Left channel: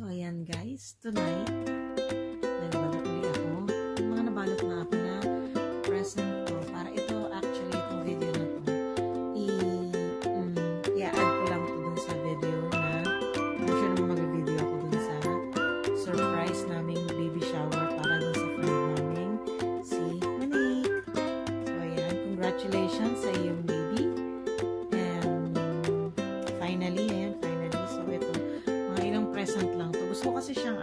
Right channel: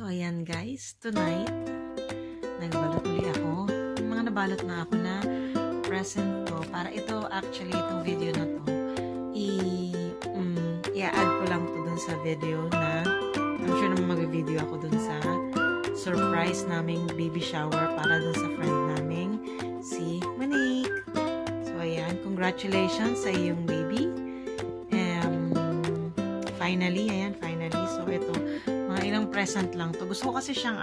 So, ayan guys, tonight, nagbalot ulit ako. Yung mga nabalot na ako na present ko. Para ito, actually, itong video na to, i-add ko lang to dun sa video na, I'm sure naman mag-video ako dun sa surprise naming baby shower para dun sa friend naming si Monique. So, ayan, congratulations sa iyong baby. Finally, ayan, finally. So, ito, mga ilang present lang to. Gusto ko kasi siyang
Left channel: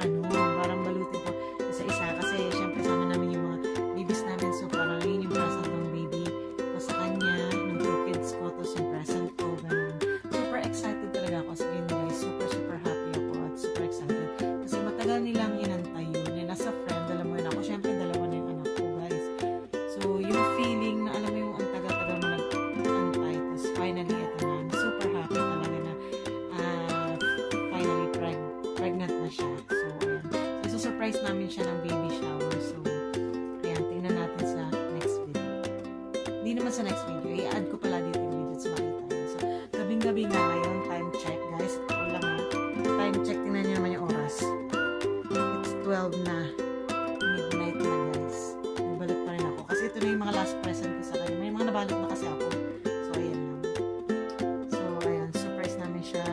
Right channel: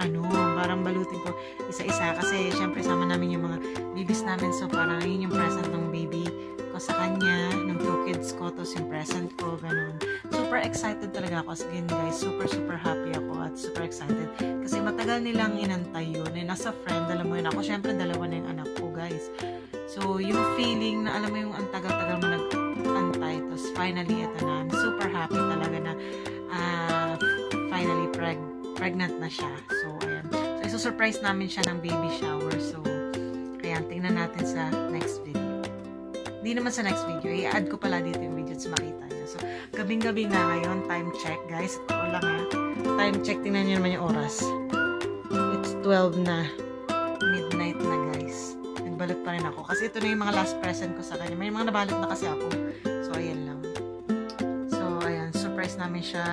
parang balutin ko isa-isa kasi syempre sama namin yung mga babies namin. So, parang yun yung present ng baby ko sa kanya, ng 2 kids ko, tapos yung present ko, ganun. Super excited talaga ako. Again, guys, super happy ako at super excited. Kasi matagal nilang inantay yun. Eh, nasa friend, alam mo yun ako. Syempre, dalawa na yung anak ko, guys. So, yung feeling na, alam mo yung ang tagal-tagal mo nag-antay, tapos finally, ito na. I'm super happy talaga na finally pregnant na siya. So, ayan. So, surprise namin siya ng baby shower. So, ayan, tingnan natin sa next video. Hindi naman sa next video. I-add ko pala dito yung video sa makita niyo. So, gabing-gabi na ngayon. Time check, guys. Ito lang time check. Tingnan niyo naman yung oras. It's 12 na. Midnight na, guys. Nagbalot pa rin ako. Kasi ito na yung mga last present ko sa kanya. May mga nabalot na kasi ako. So, ayan lang. So, ayan. Surprise namin siya.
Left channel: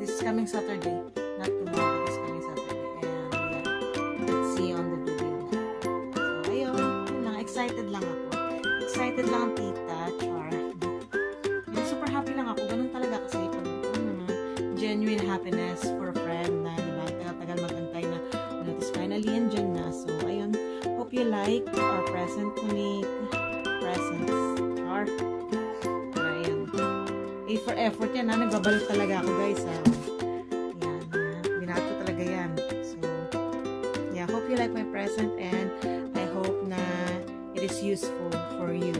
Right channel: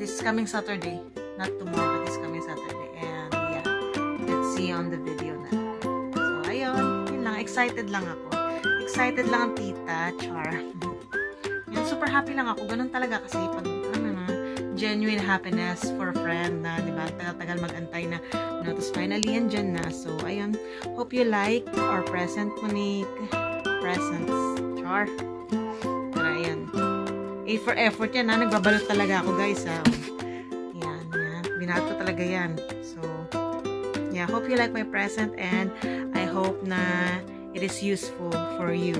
This is coming Saturday. Not tomorrow, but this coming Saturday. And yeah, let's see on the video na. So, ayun. Yun lang. Excited lang ako. Excited lang ang tita. Char. Yun, super happy lang ako. Ganun talaga kasi pag, genuine happiness for a friend na, di ba? Tagal-tagal mag-antay na. Tapos finally, yan dyan na. So, ayun. Hope you like our present, Monique. Presents. Char. A for effort yan, ha? Nagbabalot talaga ako, guys, ha? Yan, yan. Binato talaga yan. So, yeah, hope you like my present and I hope na it is useful for you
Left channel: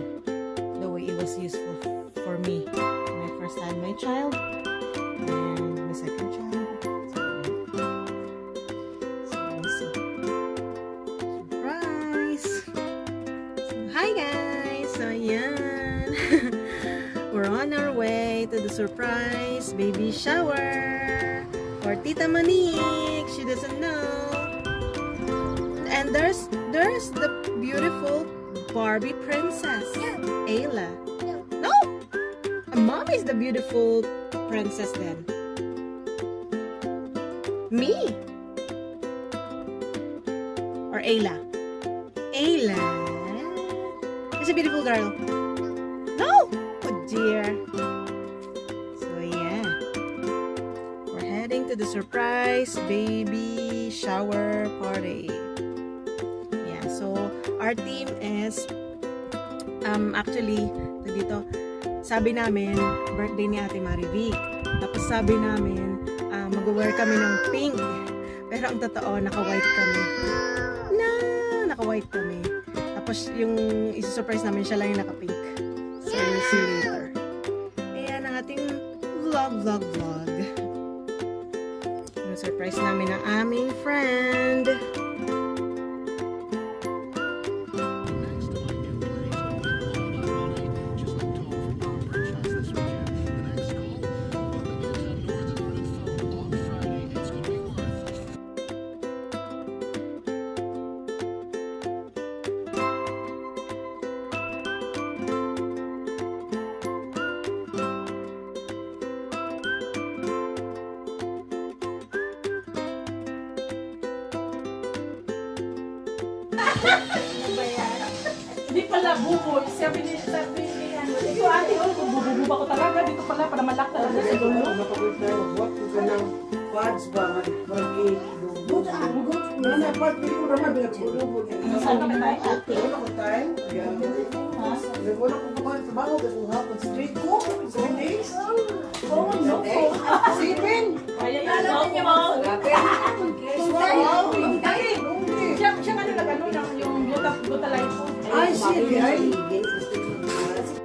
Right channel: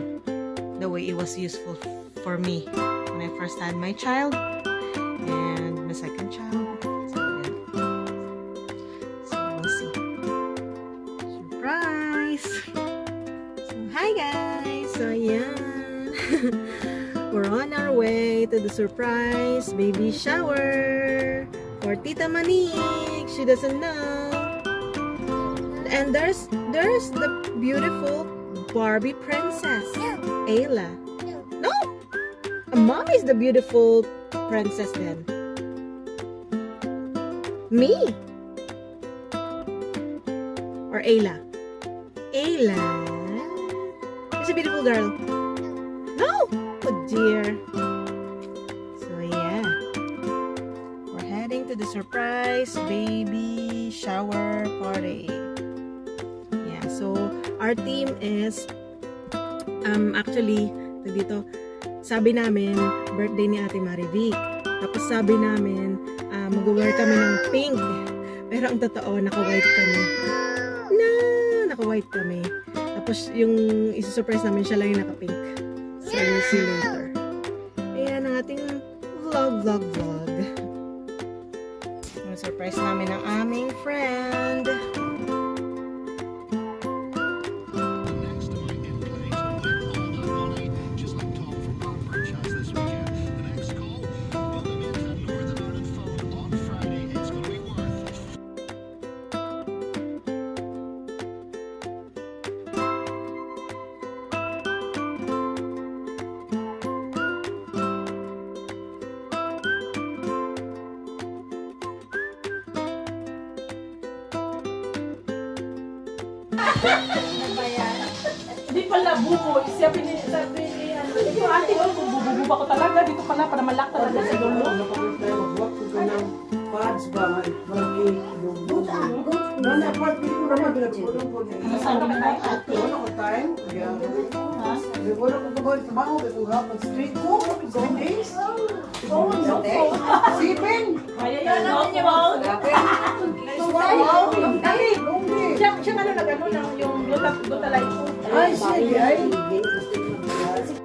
the way it was useful for me when I first had my child and my second child. So, yeah. So, we'll see. Surprise! So, hi, guys! So, yan. We're on our way to the surprise baby shower for Tita Monique. She doesn't know. And there's the beautiful Barbie princess, Ayla. No, Mom is the beautiful princess then. Me or Ayla? Ayla is a beautiful girl. No. Dear. So yeah, we're heading to the surprise baby shower party. Yeah, so our team is actually dito, sabi namin birthday ni Ate Marivic. Tapos sabi namin mag-wear kami ng pink. Pero ang totoo naka-white kami. Naka-white kami. Tapos yung isa-surprise namin siya lang yung naka-pink. So we'll see later. Ayan ang ating vlog. Surprise namin ang aming friend. Hindi pala bubo. Sabi ni ito ate, bububa ko talaga. Dito pala, para malak talaga sa dulo. Pads ba? Saan ka ba tayo? Wala ko time. Wala ko trabaho. Street ko. 7 days. Oh, no. 7. Kaya yan, no? Siya ano nag-ano yung glutathione. Ay, sige. Ay. It's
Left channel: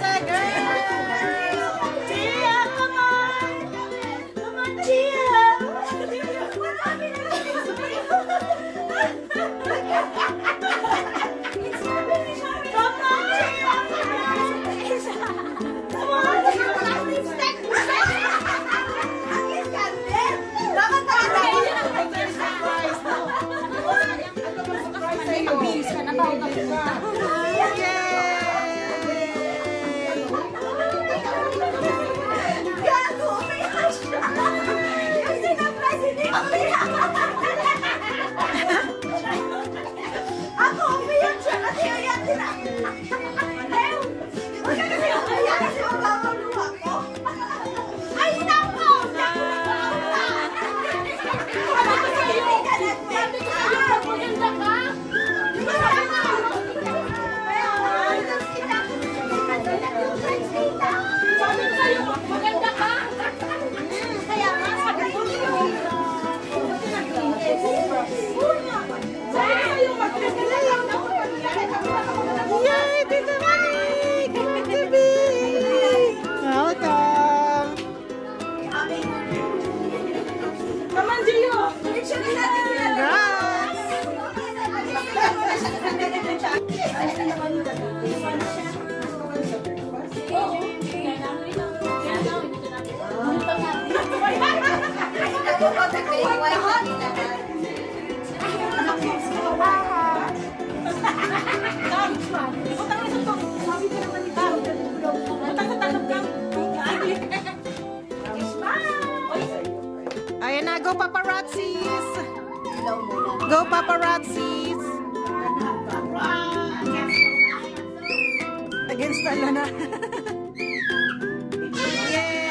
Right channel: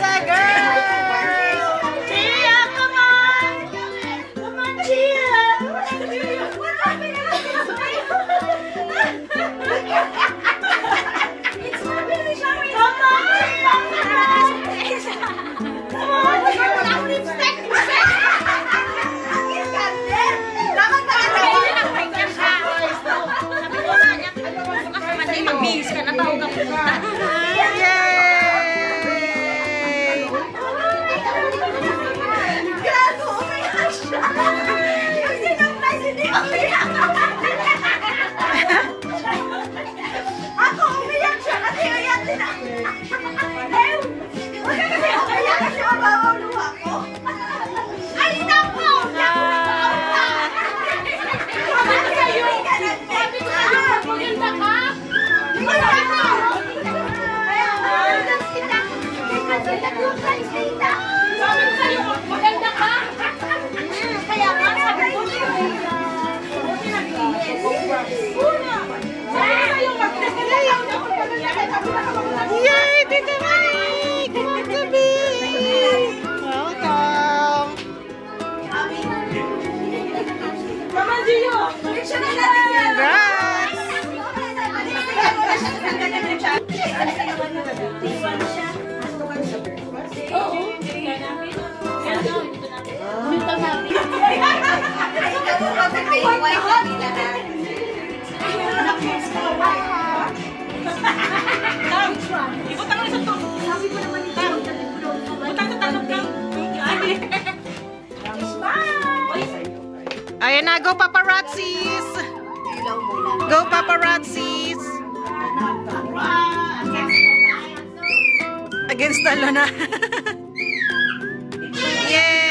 a girl! Sabi ko sa'yo, maganda ka. Kaya nga, sabi ko sa'yo. Yay! Tita Mike! Come on, Gabi! Welcome! Come on, Gio! Ayan na, go paparazzis! Go paparazzis! Against the lona. Yay!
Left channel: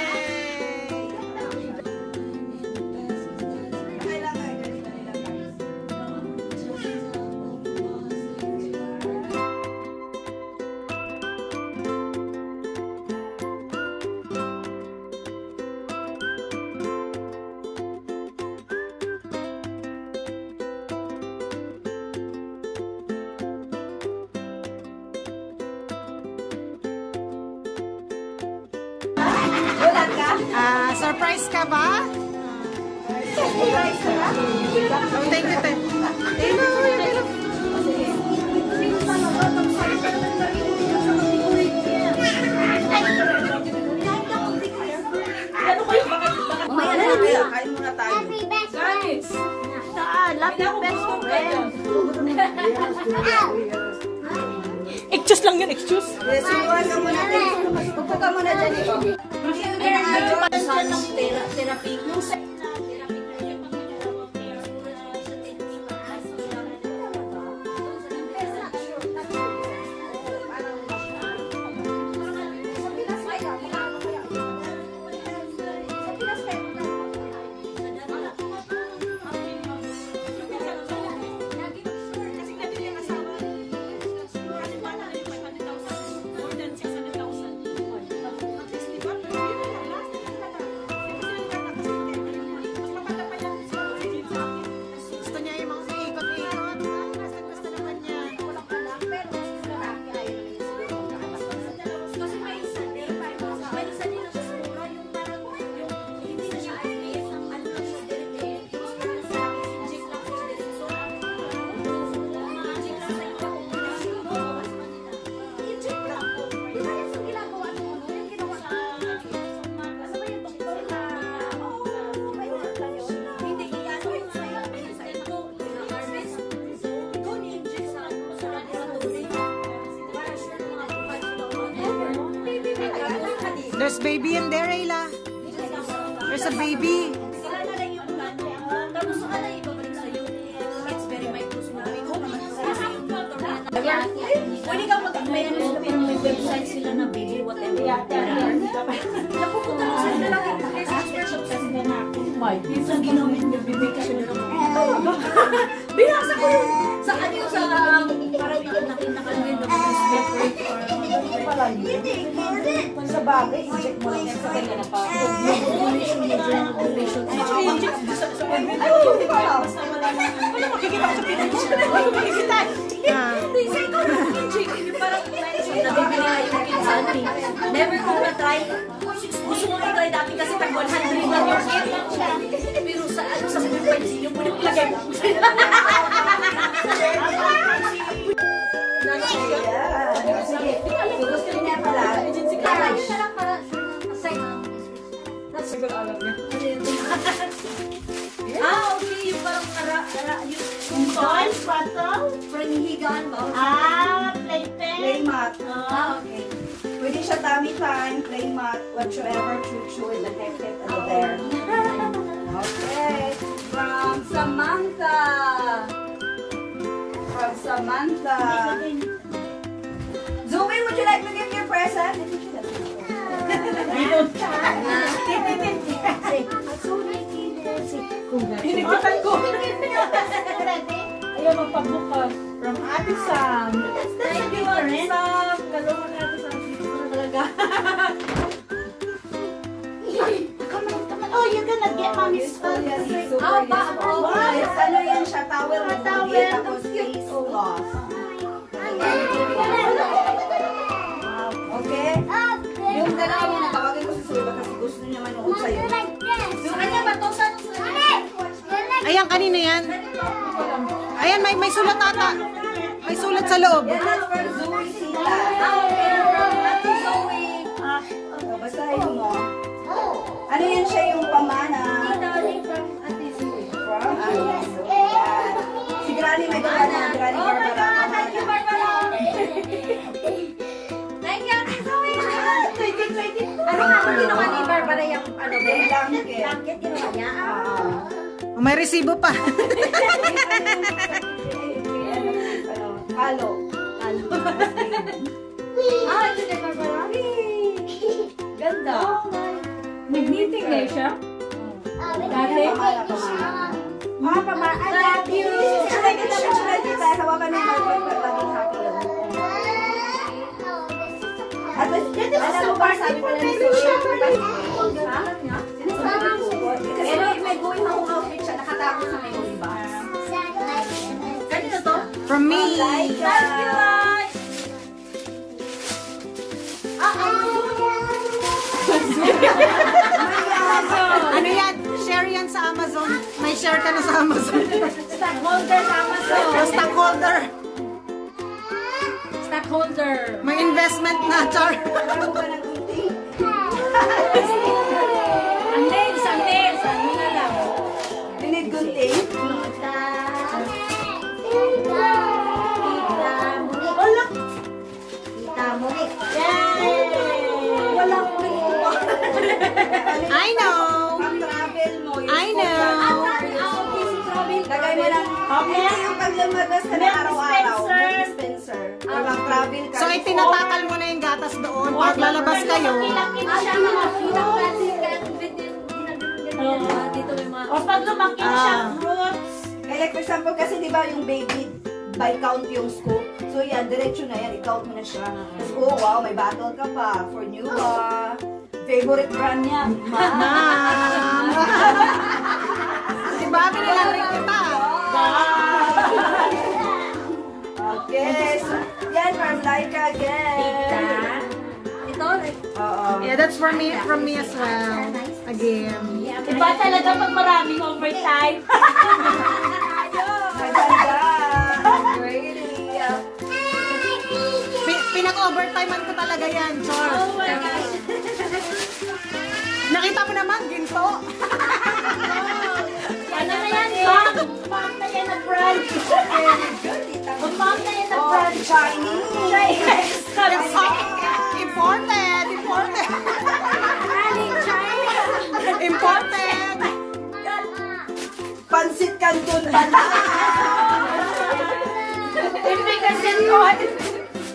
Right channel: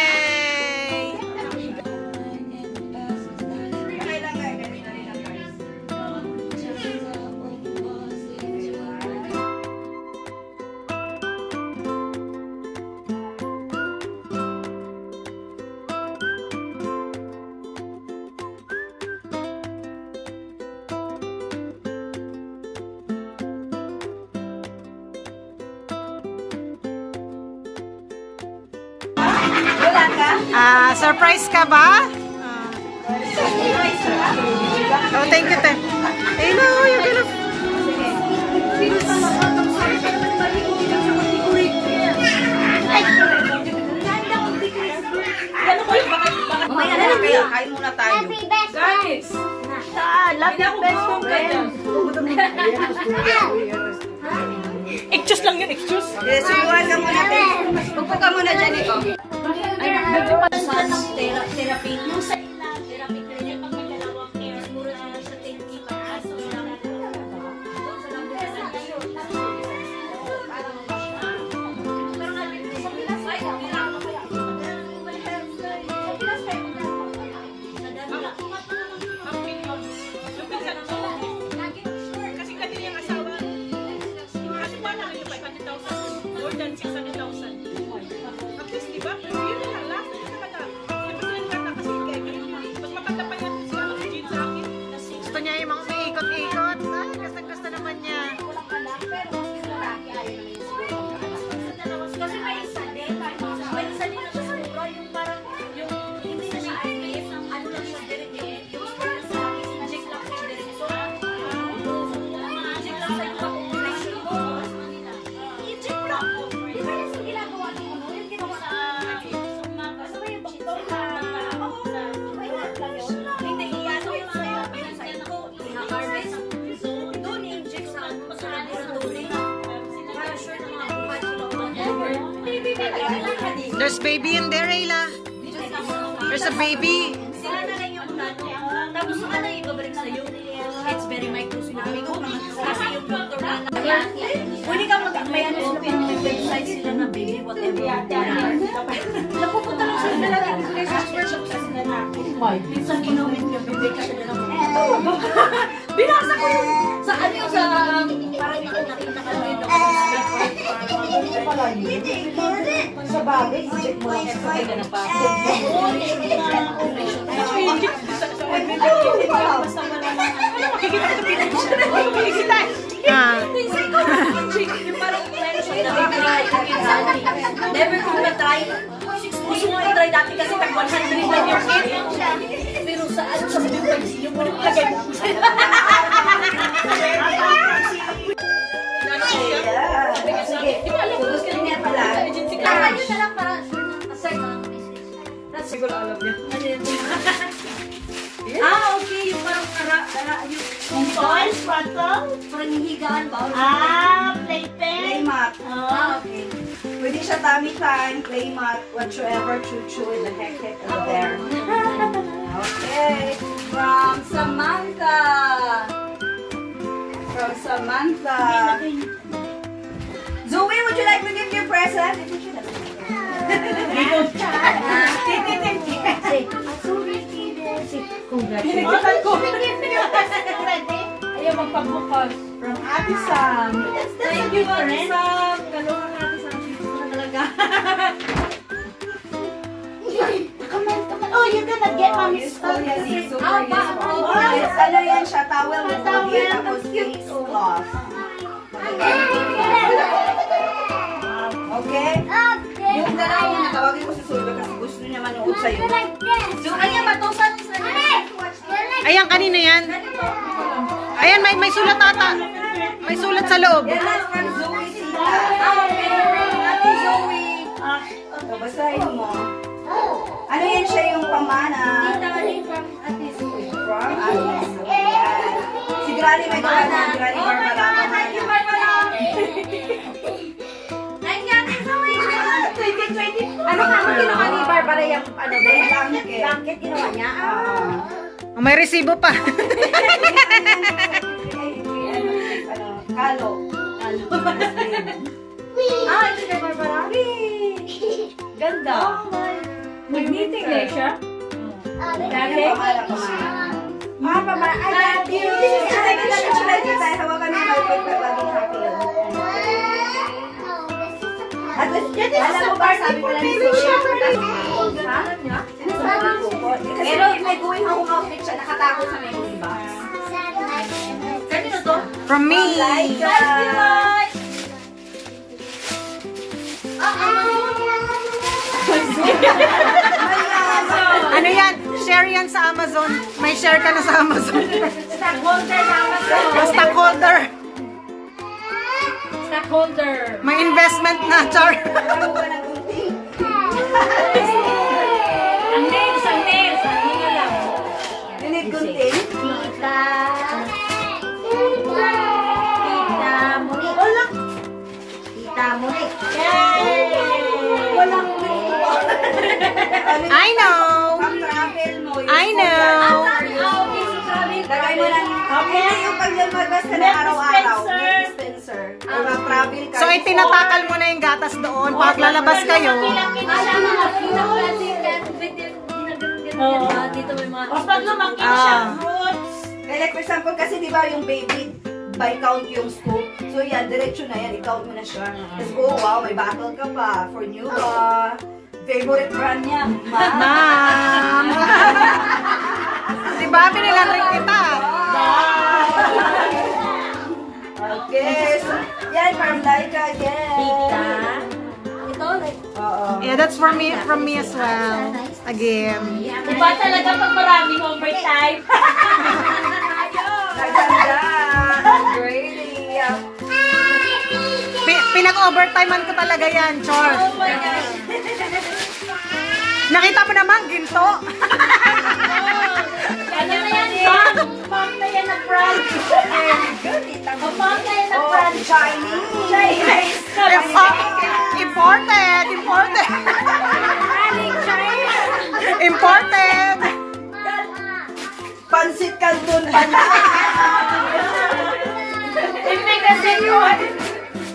Surprise ka ba? Oh, thank you, te. Hey, no, you're gonna... May ano na kayo? Kain muna tayo. Guys! Love you best mo kayo. Excuse lang yun, excuse. Subuhan ka muna, te. Pagpo ka muna dyan, ito. Therapy. Yung sa There's baby in there, Ayla. There's a baby. tapos ano yung babalik sa'yo? It's very micro sinabi ko. Kasi yung filter na. Pwede ka mag-akbayan mo yung website sila na baby, whatever. Napupunta ko sila na lang. There's workshop sa sila na. Minsan ginamit yung bibig ka sila na. Binasa ko sa ano yung sa parang nakalagay na Sa bagay, check mo lang sa kanya na pa. Never ko na-try. Gusto mo i-try dati kasi tag 100 lang yung pero sa ano sa yung mo nilagay mo. Sige, tutos ka niya pala. Ayun na lang para aside na. Okay. Yung parang yung toy, parang hihigaan ba? Playmat. Okay. Pwede siya tummy time, playmat, whatsoever, choo-choo, the heck over there. Okay. From Samantha. Zoe, would you like to give me a present? Pinigitan ko. Ayaw magpagbukas. From Ate Sam. Thank you, Ate Sam. Kalungan Ate Sam. Ayan, kanina yan. Ayan, may sulat ata. May sulat sa loob. Yan na from Zoe Sita. Ate Zoe. Basahin mo. Ano yan siya yung pamana? From Ate Zoe. Si Granny may gawin ng Granny Barbara. Thank you, Barbara. Thank you, Ate Zoe. 2020. Ano nga ang ginawa ni Barbara yung ano ba? Blanket. Blanket ginawa niya. May resibo pa. Kalo. Ito kay Barbara. Ganda. Magniting na siya. Dali. Mama, I love you. Hawakan mo at alam mo ba, sabi ko lang ni pero may going home outfit siya, nakatakot sa may iba. Kanino to? From me. Ano yan? Share yan sa Amazon. May share ka na sa Amazon. Stockholder sa Amazon. Stockholder. Stockholder. May investment na, Char. Ang nails. Ano na lang? Pinid gunting. Kita Munik. Kita Munik. Yay! Walang I know. pang-travel mo. I know. Lagay mo lang. Hindi yung paglamagas ka na araw-araw. Dispenser. Walang travel ka. So, itinatakal mo na yung gatas doon. Pag lalabas kayo. Dito may mga... Like for example, kasi di ba yung baby, by count yung scoop. So yan, diretso na yan. I-count mo na siya. Tapos, oh wow, may bottle ka pa. For new favorite brand niya. Ma'am. Si Bobby nilalag kita. Okay. So, yan, from Laika again. Ito, Yeah, that's from me as well. Again. iba talaga pag maraming overtime. Naganda. Great. Pinag-overtimean ko talaga yan, Chor. Nakita mo naman, ginto. Ano na yan? Mom na yan na brand. Mom na yan na brand. Chinese. Imported. Imported. Pansit Canton pa na. Ibig kasi yun.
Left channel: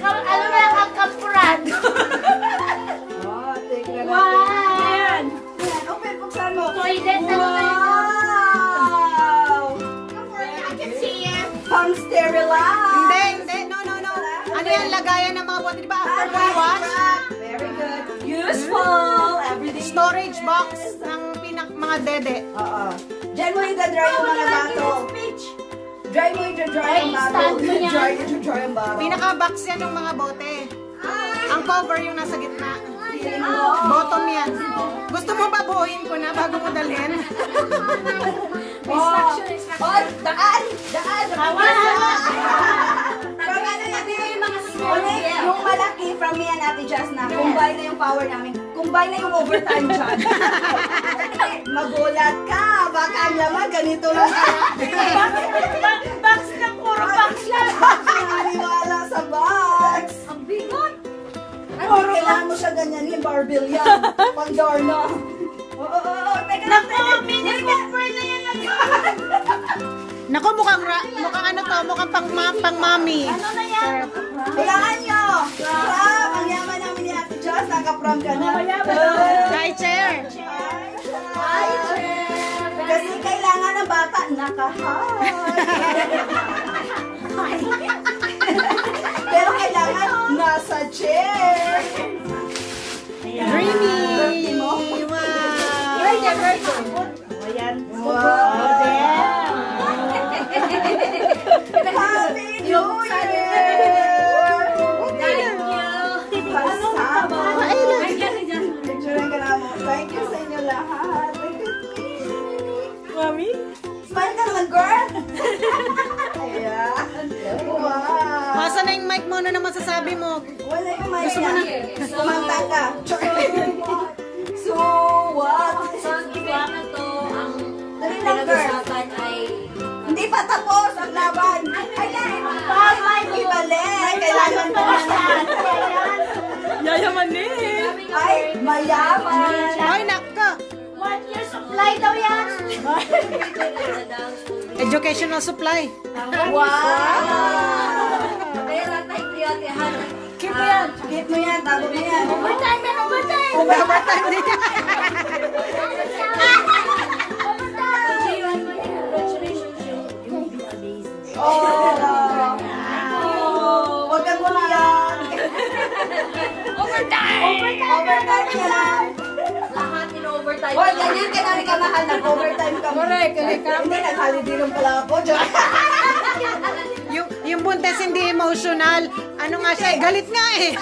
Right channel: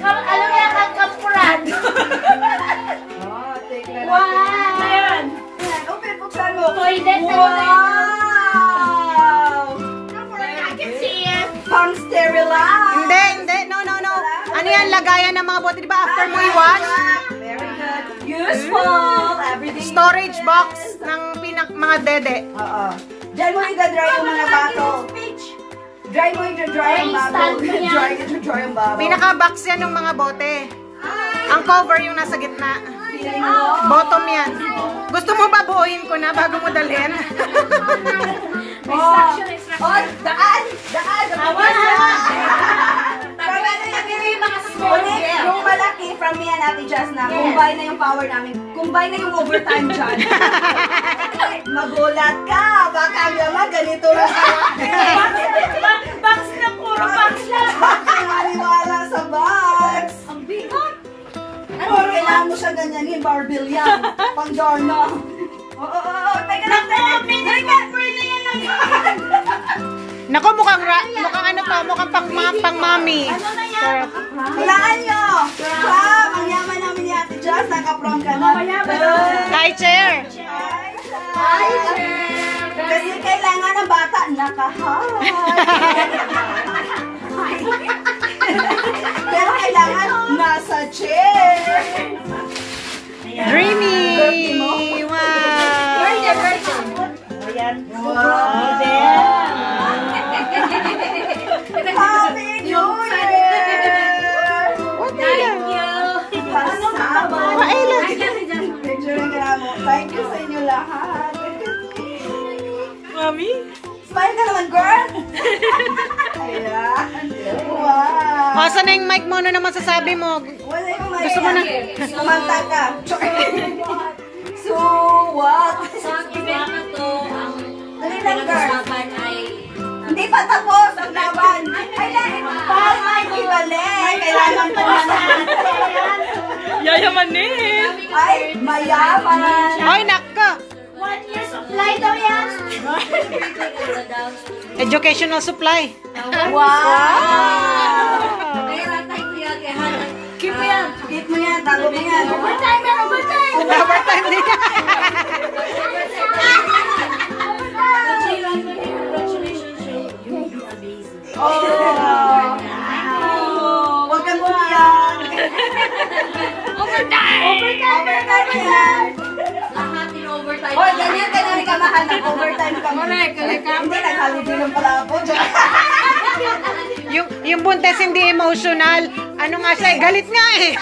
Alam mo yung kakaprad. Oh, take na Wow! natin. Ayan. Open, buksan mo. Toilet. Wow! I can see it. Pang sterilize. Hindi. No. Ano yan, lagayan ng mga bote, di ba? After mo i-wash, Very good. Useful. Everything. storage box ng mga dede. Oo. Diyan mo i-dry yung mga bottle. Dry mo i-dry yung bottle. Stand mo yan. Dry yung bottle. Pinaka-box yan ng mga bote. Ang cover yung nasa gitna. Feeling mo. Bottom yan. Gusto mo ba buuin ko na bago mo dalhin? Oh, daan! Hawa. From ano yan, yung mga ulit, yung malaki from me and Ate Jazz na combine na yung power namin. Combine na yung overtime dyan. Magulat ka! Baka naman ganito lang ka. Box na puro box lang. Naniwala sa box. Ang bigot. Ano, kailangan mo siya ganyanin, barbell yan. Pang-darna. Oo. Teka lang, Nako, mukhang ano to, mukhang pang mami. Ano na yan? Kailangan nyo. Pram, ang yaman namin ni Ate Jazz. Naka-prom ka na. Kay chair. Kasi kailangan ng bata naka-high. Pero kailangan nasa chair. Dreamy. Wow. Happy New Year! Thank you. Picture ka mo. Thank you sa inyo lahat. Mami? Smile ka Ayan. Wow. O, saan na yung mic mo? Ano naman sasabi mo? Wala yung may Gusto mo na? Kumanta ka. So what? Sa programa to, ang Dali lang, girl. pinag-usapan ay Hindi pa tapos ang laban. Paul, may ibalik. Kailangan pa naman. Yayamanin! Ay, mayaman. Ay, nako! 1 year supply daw yan. Educational supply. Wow. Kaya ratay ko yan, kaya hanap. Keep mo yan. Keep mo yan. Tago mo yan. Overtime na, overtime! Overtime din. Congratulations, you'll be amazing. Oh. Huwag kang bumiyak. Overtime yan. Lahat in overtime. Hoy, ganyan ka na rin kamahan ng overtime ka. Correct. Hindi, naghaliginom pala ako. Yung buntes hindi emotional. Ano nga siya? Galit nga eh.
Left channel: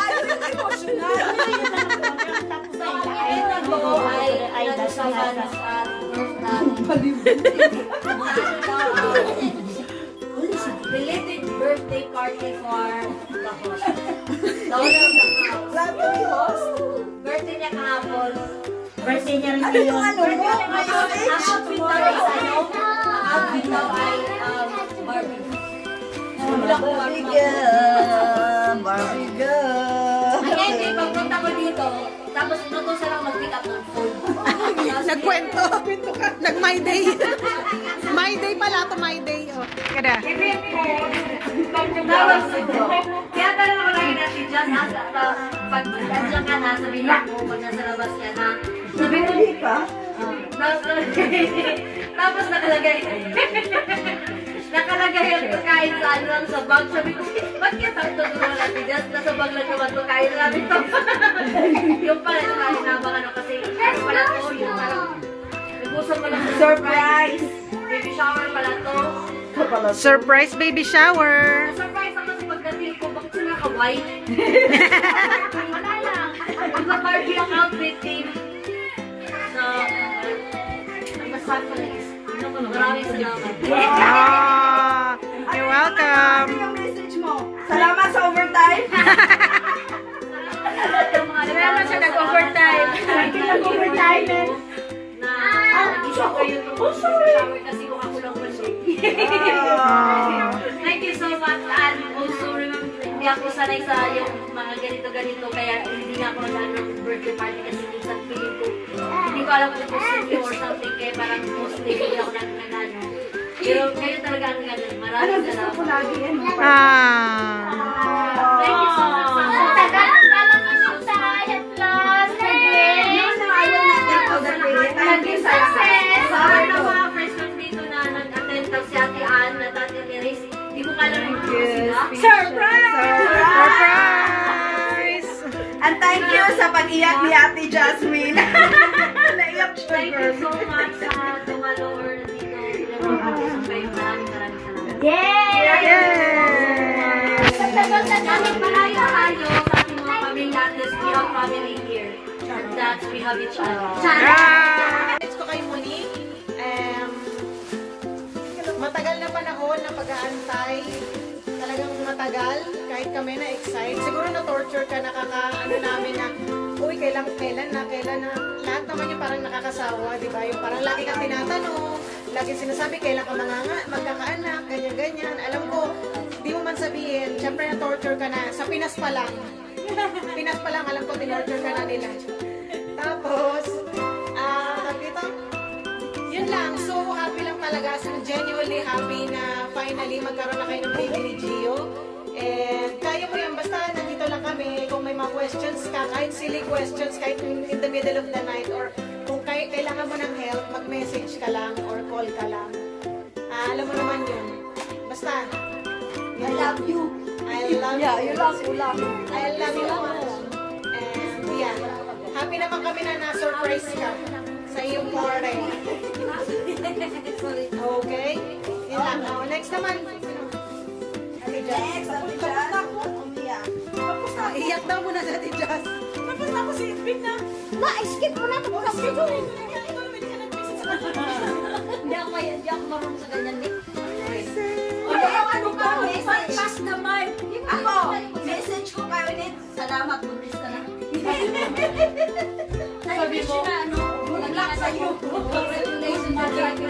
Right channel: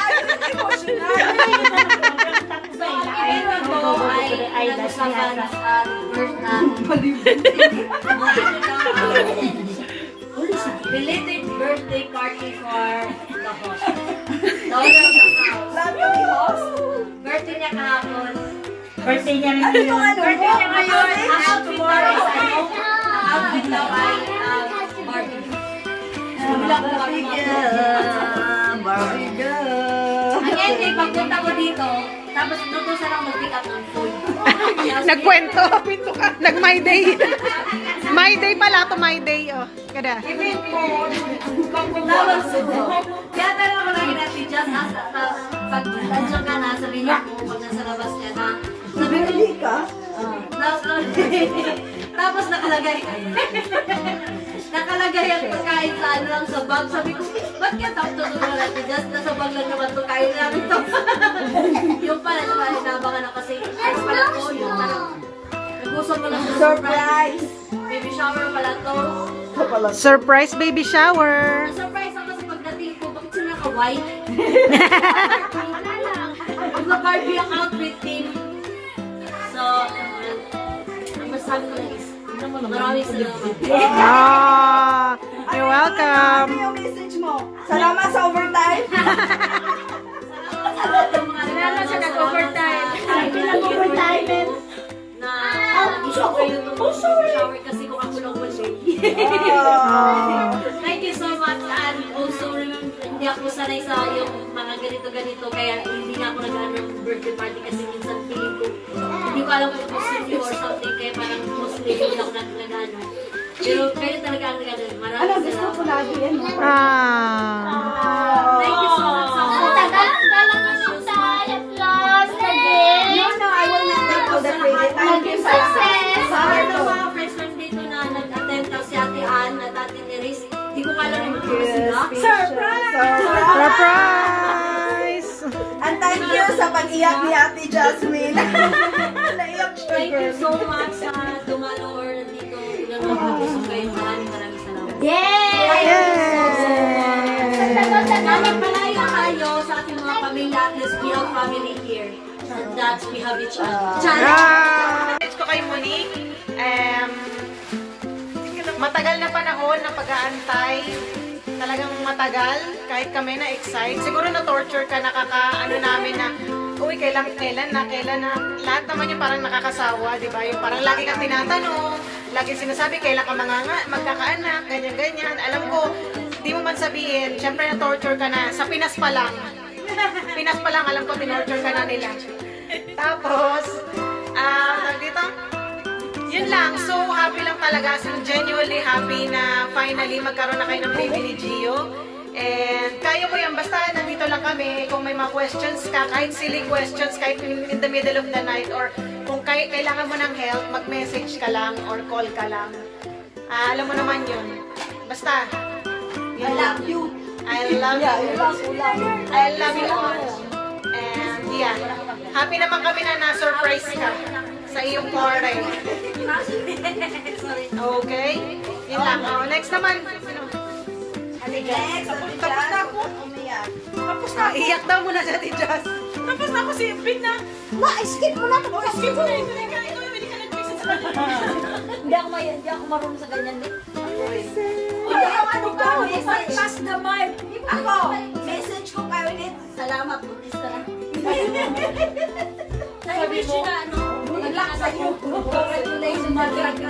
So, ang ito ay pinag-usapan sa first na belated birthday party for the host. The owner of the house. Lahat yung host. Birthday niya kahapon. Ano yung ano? Ang outfit daw ay outfit daw ay Barbie. Bilang ko Barbie. Ngayon, pagpunta ko dito, tapos nutusan ako mag-pick up ng food. Nagkwento. Nag-my day. My day pala to, my day. Oh, kada. Tapos, kaya talaga ko lagi natin dyan, pag nandiyan ka na, sabihin niya po, pag nasa labas ka na, sabi ko, tapos nakalagay ang pagkain sa ano lang sa bag. Sabi ko, ba't kaya tapos tutulong natin dyan? Nasa bag lang naman ito, kain namin ito. Yung pala, inabangan ako kasi, ano pala to, yung parang, nagusom mo lang sa surprise. Baby shower pala to. Surprise baby shower. Na-surprise ako sa pagdating ko, bakit sila ka-white? Wala lang. Mag-Barbie ang outfit team. So, ang masabi ko lang is, maraming salamat. Ah, you're welcome. Ano yung message mo? Salamat sa overtime. Salamat sa nag-overtime. Thank you nag-overtime. Na-shower shower kasi kung ako lang wala. Thank you so much. And also, remember, hindi ako sanay sa yung mga ganito-ganito. Kaya hindi nga ako nag-ano ng birthday party kasi minsan feeling ko. Hindi ko alam kung Muslim or something. Kaya parang Muslim, hindi ako nag-ano. Pero kayo talaga ang nag-ano. Maraming salamat. Thank you so much. Sa lahat ng mga freshmen dito na nag-attend si Ate Ann at Ate Neris, hindi ko kala rin sila. Surprise! And thank you sa pag-iyak ni Ate Jasmine. Naiyak siya, Thank you girl. so much sa tumalo or dito. Maraming salamat. Kahit malayo na tayo sa ating mga pamilya, let's be a family here. And that we have each other. Ito ko kay Monique. Matagal na panahon ng pag-aantay. Talagang matagal. Kahit kami na-excite. Siguro na-torture ka, nakaka-ano namin na, uy, kailan na. Lahat naman yung parang nakakasawa, di ba? Yung parang lagi kang tinatanong, lagi sinasabi, kailan ka magkakaanak, ganyan-ganyan. Alam ko, di mo man sabihin, syempre na-torture ka na. Sa Pinas pa lang, alam ko, tinorture ka na nila. Tapos, dito, yun lang. So, happy lang talaga. So, genuinely happy na finally magkaroon na kayo ng baby ni Gio. And kaya mo yan. Basta nandito lang kami. Kung may mga questions ka, kahit silly questions, kahit in the middle of the night, or kung kailangan mo ng help, mag-message ka lang or call ka lang. Alam mo naman yun. Basta, yun lang. I love you. I love you all. And yeah, happy naman kami na na-surprise ka sa iyong party. Okay? Yun lang. Oh, next naman. Sino? Next, Tapos na ako. Tapos na. Iyak daw muna sa Ate Jazz. Tapos na ako si Pin na. skip mo na. Hindi ako marunong sa ganyan. Ano ka? Message. Pass the mic. Ako, message ko kayo ulit. Salamat, buntis ka na. I wish you na, naglakad ako. Congratulations, mag-like,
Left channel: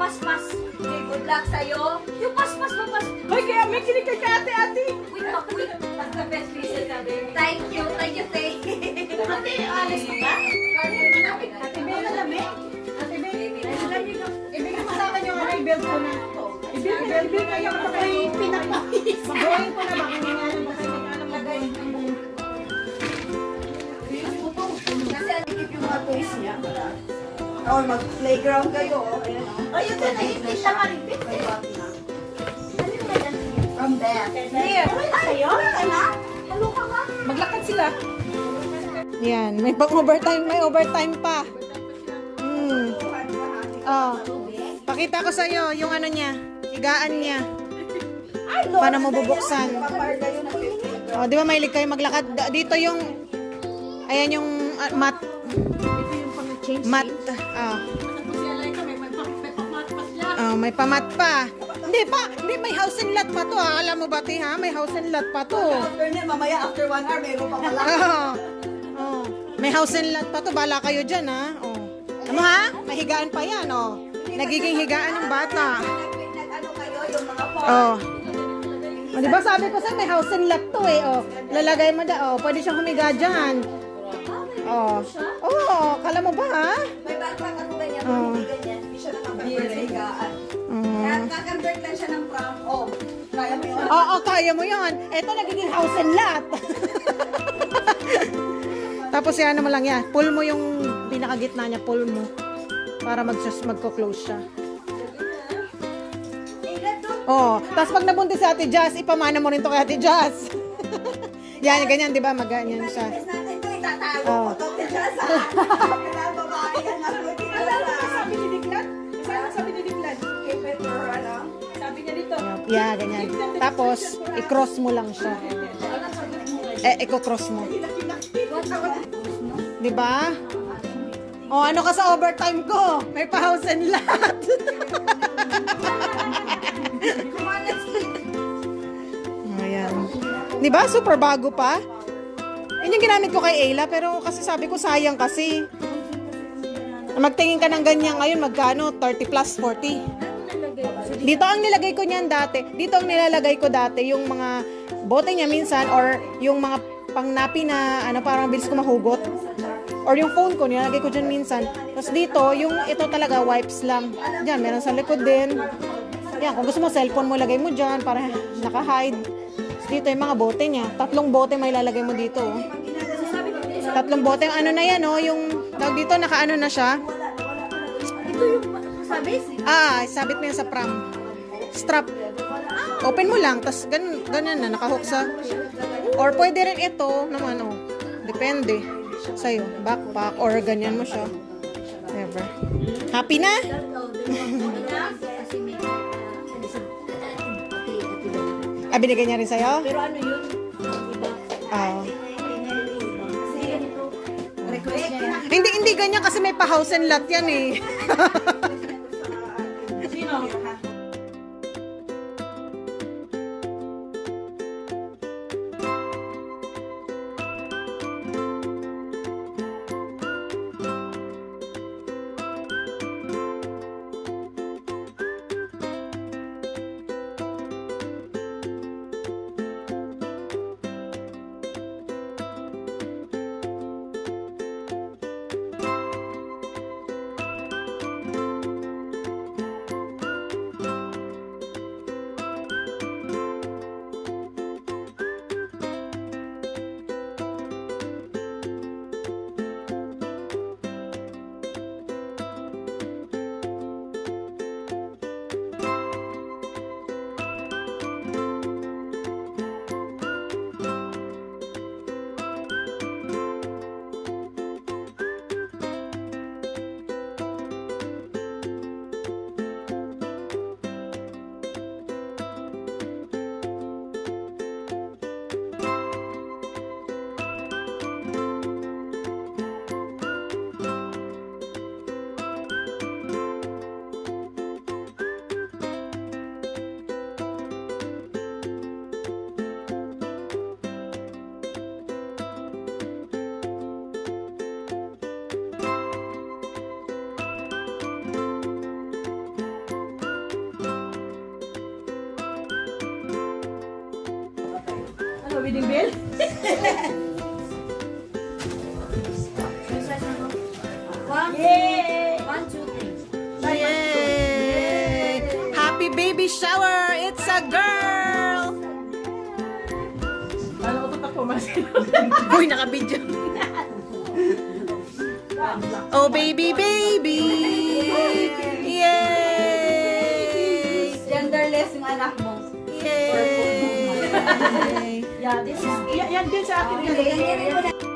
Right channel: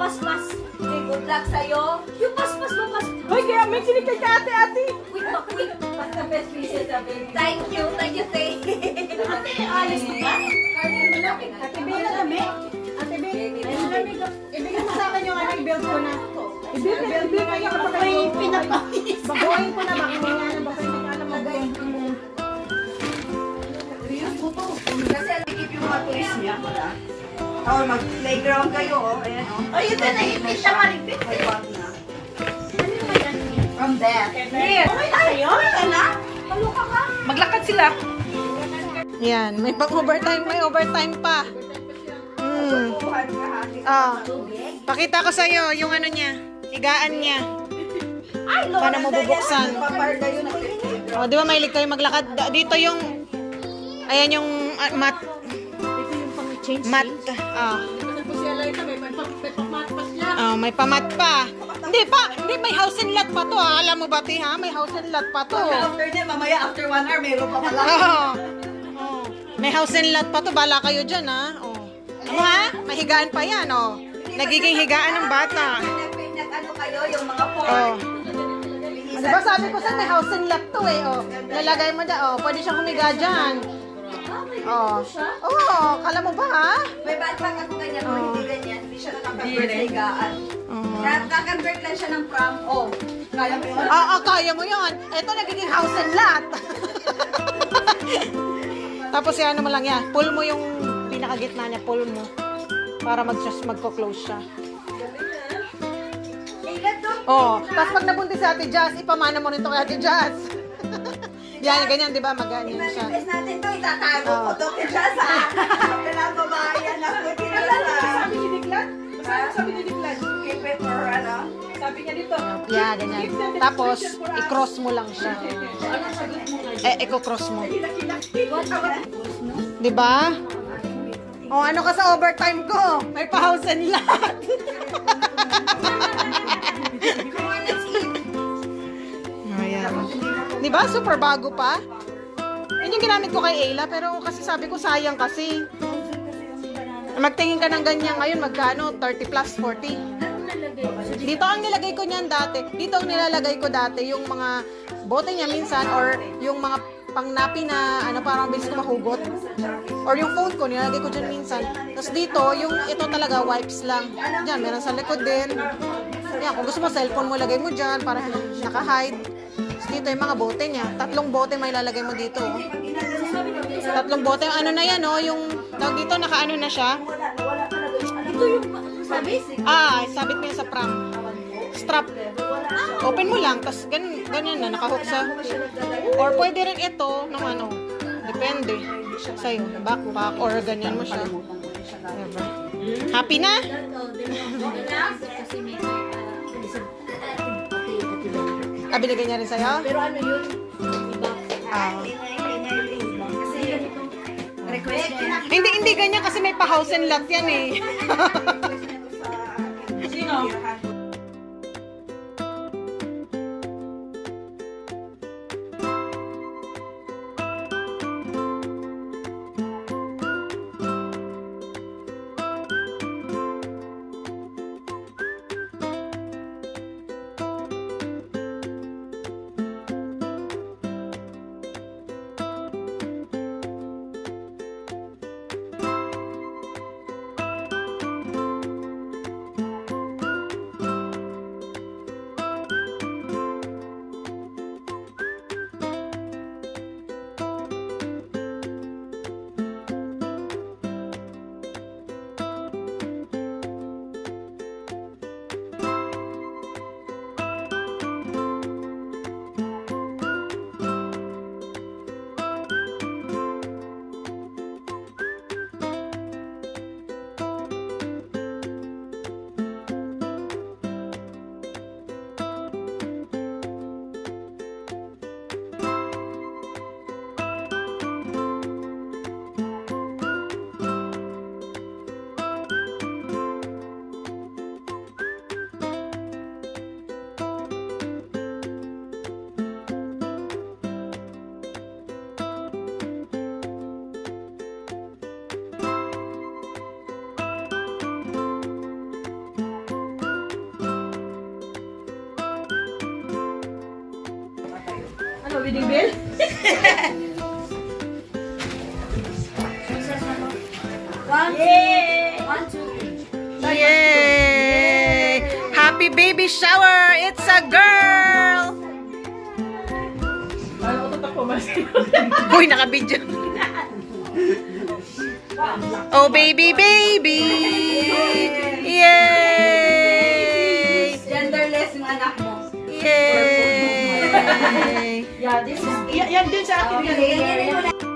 pas. Good luck sa'yo. Yung pas. Ay, kaya may kinig kay ate. Quick. The best visit ka, baby. Thank you, Tay. Alis mo ba? Ate Bella na, be. Ate Bella, ibigay mo sa akin yung belt ko na. Ibigay ko pa kayo pinapakis. Bagoyin ko na, baka magayin ko. Kasi nagigip yung mga toys niya. Oh, mag-playground kayo. Ayan, oh. Ay, ito na, hindi siya maripit. May bot na. Ano naman yan? From Beth. Okay na sa'yo? Maglakad sila. Yan, may overtime pa. Oh. Pakita ko sa'yo yung ano niya, higaan niya. Paano mo bubuksan? Oh, di ba mahilig kayo maglakad? Dito yung, ayan yung mat. Mat. May pamat pa. Hindi, may house and lot pa to. Alam mo ba, ha? May house and lot pa to. Mamaya after 1 hour, mayroon pa pala. May house and lot pa to. Bala kayo dyan, ha? Ano, ha? May higaan pa yan, Nagiging higaan ng bata. Nag-ano kayo, yung mga Diba sabi ko sa may house and lot to, Lalagay mo pwede siyang humiga dyan. Kala mo ba, ha? May bata ako ganyan, hindi ganyan. Hindi siya nakapagpapit sa higaan. Kakonvert lang siya ng pram. Kaya mo yun? Oo, kaya mo yun. Ito nagiging house and lot. Tapos yan mo lang yan. Pull mo yung pinakagitna niya. Pull mo. Para magko-close siya. Tapos pag nabuntis si Ate Jazz, ipamana mo rin to kay Ate Jazz. Yan, ganyan, di ba? Maganyan siya. Imbes natin ito, itatago ko to. Kaya sa pinababayan lang. Sabi ni Diklat? Sabi ni Diklat? Keep it for ano? Sabi niya dito. Yeah, ganyan. Tapos, i-cross mo lang siya. Iko-cross mo. Di ba? Ano ka sa overtime ko? May pa-house and lot. Ayan. Di ba? Super bago pa. Yun yung ginamit ko kay Ayla, pero kasi sabi ko sayang kasi. Magtingin ka ng ganyan ngayon, magkano? 30 plus 40. Dito ang nilagay ko niyan dati. Dito ang nilalagay ko dati yung mga bote niya minsan or yung mga pangnapi na parang bilis ko mahugot. Or yung phone ko, nilalagay ko dyan minsan. Tapos dito, yung ito talaga, wipes lang. Diyan, meron sa likod din. Yan, kung gusto mo, cellphone mo, lagay mo dyan para naka-hide. Tapos dito, yung mga bote niya. 3 bote may lalagay mo dito. 3 bote. Yung ano na yan, yung tawag dito, naka-ano na siya. Ito yung sabit? Sabit mo yan sa pram. Strap. Open mo lang, tapos ganyan na, nakahook sa. Or pwede rin ito, depende sa'yo, backpack, or ganyan mo siya. Ever. Happy na? Binigay niya rin sa'yo? Pero ano yun? Hindi ganyan kasi may pa-house and lot yan Sino? wedding bell? Yay! 1, 2, 3. Yay! Happy baby shower! It's a girl! Ano ko tako mas? Uy, naka-video. Oh, baby, baby! Yay! Genderless yung anak mo. Yay! Yeah, this is Yan din sa akin. Ganyan mo na.